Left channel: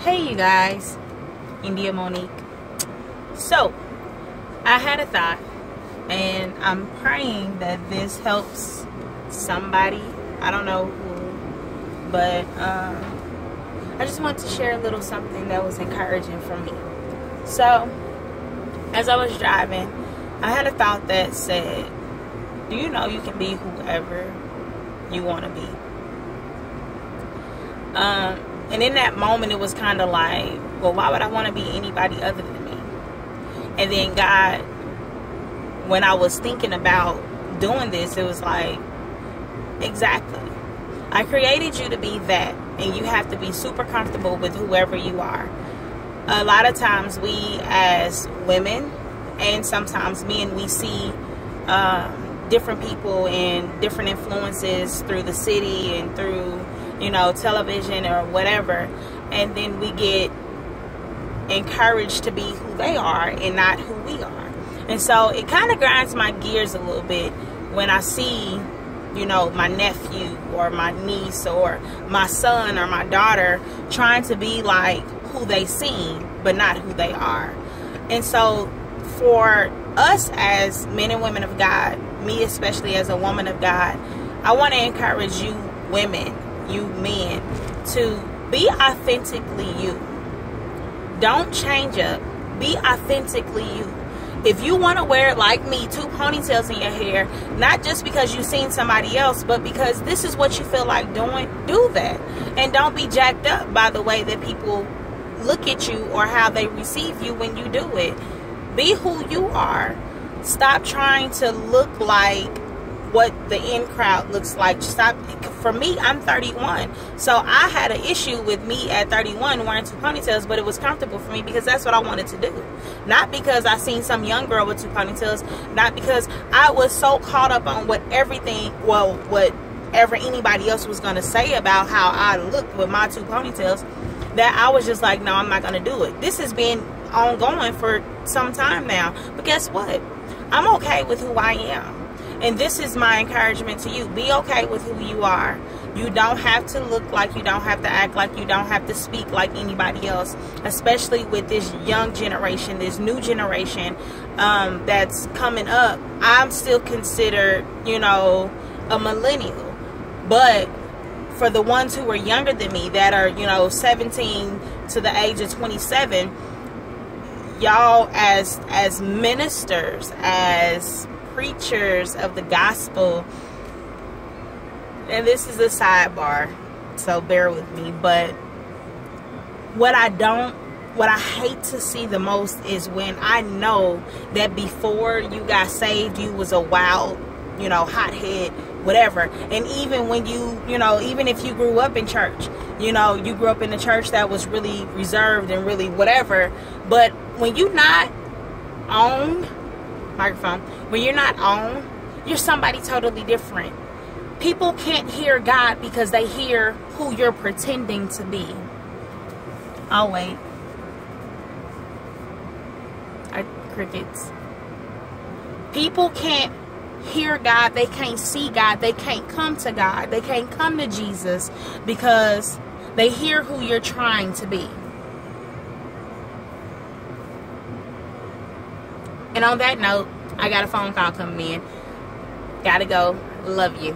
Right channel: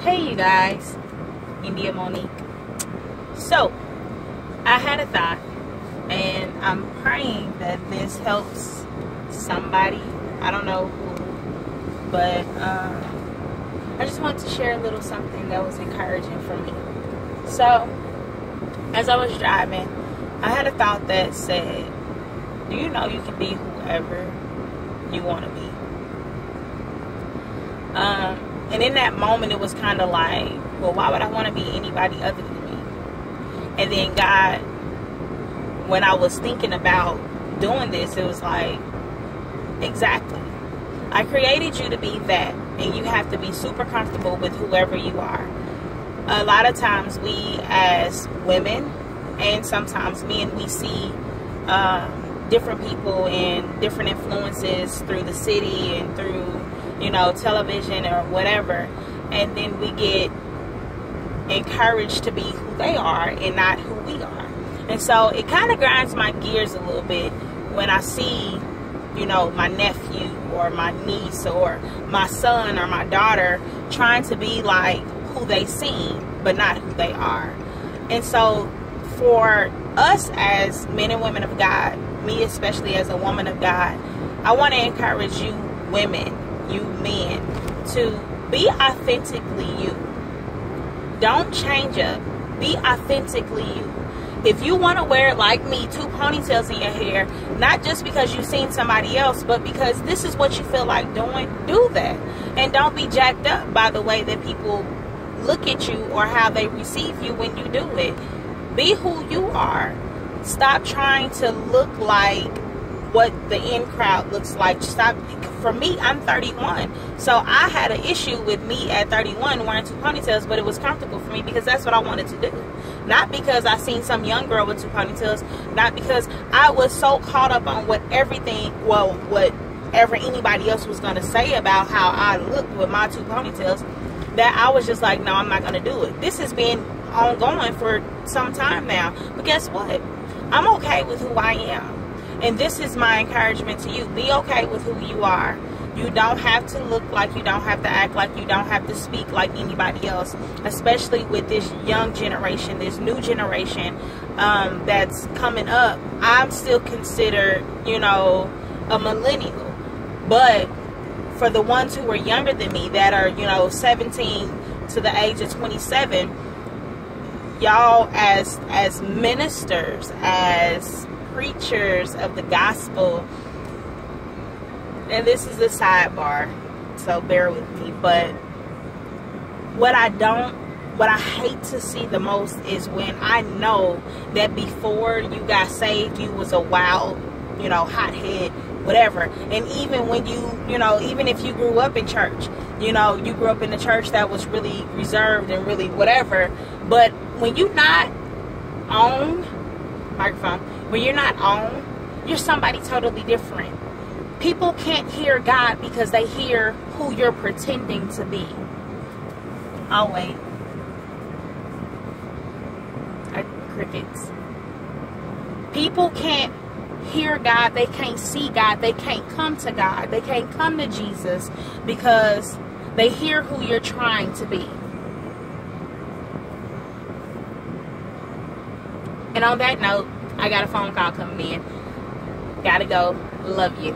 Hey you guys, India Monique. So, I had a thought, and I'm praying that this helps somebody. I don't know who, but I just want to share a little something that was encouraging for me. So, as I was driving, I had a thought that said, do you know you can be whoever you want to be? And in that moment, it was kind of like, well, why would I want to be anybody other than me? And then God, when I was thinking about doing this, it was like, exactly. I created you to be that, and you have to be super comfortable with whoever you are. A lot of times we as women, and sometimes men, we see different people and different influences through the city and through, you know, television or whatever, and then we get encouraged to be who they are and not who we are. And so it kind of grinds my gears a little bit when I see, you know, my nephew or my niece or my son or my daughter trying to be like who they seem but not who they are. And so for us as men and women of God, me especially as a woman of God, I want to encourage you women, you men, to be authentically you. Don't change up. Be authentically you. If you want to wear it like me, 2 ponytails in your hair, not just because you've seen somebody else, but because this is what you feel like doing, do that. And don't be jacked up by the way that people look at you or how they receive you when you do it. Be who you are. Stop trying to look like what the in crowd looks like. Stop. For me, I'm 31, so I had an issue with me at 31 wearing 2 ponytails, but it was comfortable for me because that's what I wanted to do. Not because I seen some young girl with 2 ponytails, not because I was so caught up on whatever anybody else was going to say about how I looked with my 2 ponytails, that I was just like, no, I'm not going to do it. This has been ongoing for some time now, but guess what? I'm okay with who I am. And this is my encouragement to you. Be okay with who you are. You don't have to look like, you don't have to act like, you don't have to speak like anybody else, especially with this young generation, this new generation that's coming up. I'm still considered, you know, a millennial. But for the ones who are younger than me, that are, you know, 17 to the age of 27, y'all as ministers, as preachers of the gospel, and this is a sidebar, so bear with me, but what I hate to see the most is when I know that before you got saved, you was a wild, you know, hothead, whatever. And even when you know, even if you grew up in church, you know, you grew up in a church that was really reserved and really whatever, but when you're not on microphone, when you're not on, you're somebody totally different. People can't hear God because they hear who you're pretending to be. I'll wait. Crickets. People can't hear God, they can't see God, they can't come to God, they can't come to Jesus because they hear who you're trying to be. And on that note, I got a phone call coming in. Gotta go. Love you.